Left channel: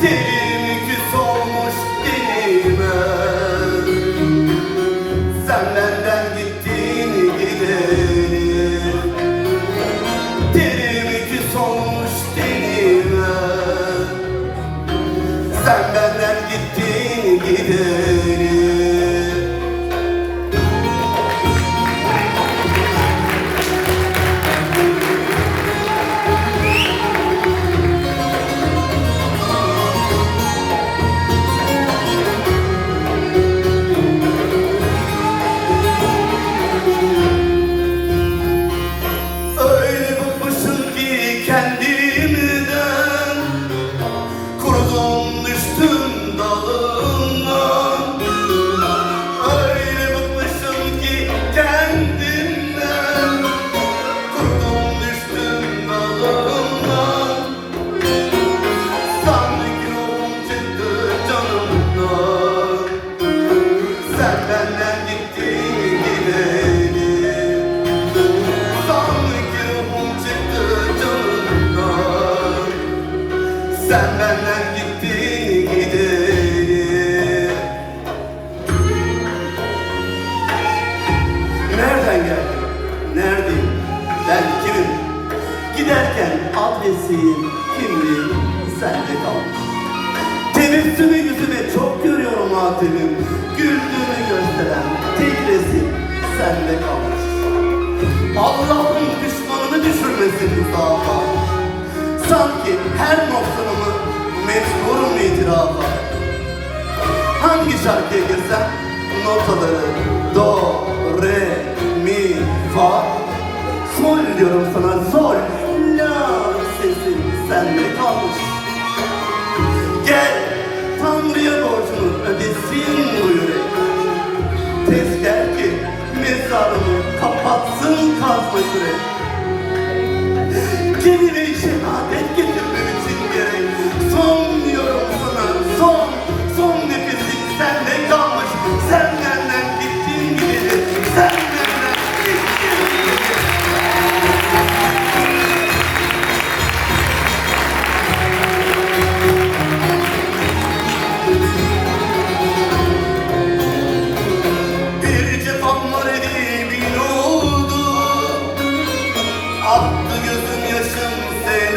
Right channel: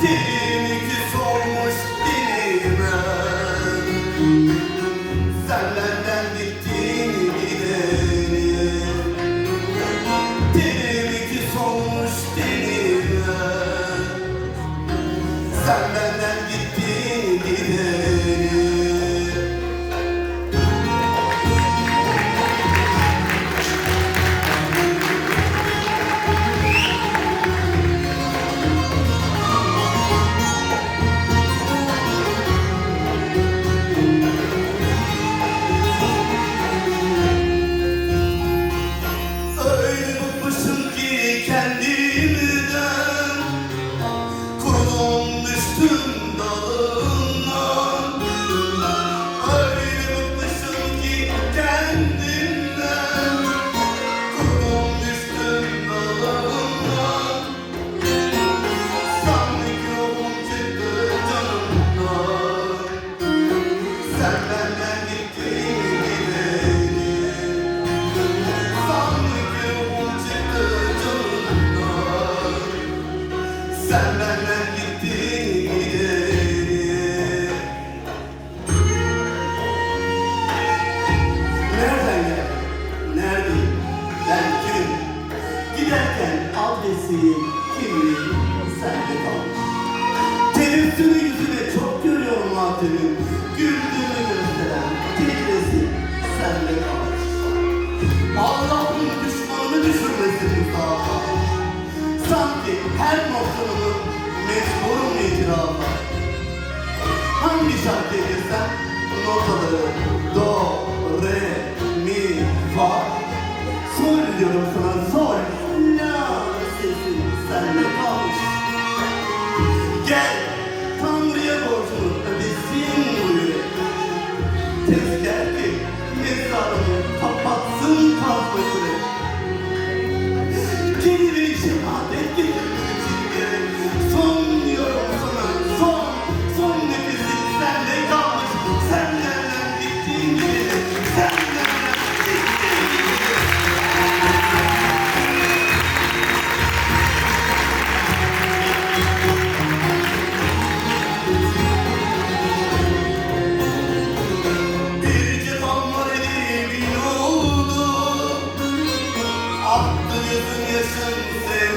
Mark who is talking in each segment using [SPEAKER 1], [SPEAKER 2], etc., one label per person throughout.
[SPEAKER 1] Dilim iki solmuş dilime Sen benden gittiğini bilirim Dilim iki solmuş dilime Sen benden gittiğini bilirim mesleğim, kimliğim sende kalmış. Tebessümü yüzüme çok görüyorum hatemim. Güldüğümü gösteren tek resim sende kalmış. Allah'ın düşmanını düşürmesin izafa. Sanki her noktamı mecburum itirafa. Hangi şarkıya girsem notaları Efendim, ne kablosu? Aklı gözüm yaşım sen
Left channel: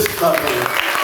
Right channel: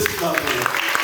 [SPEAKER 1] Слава Богу.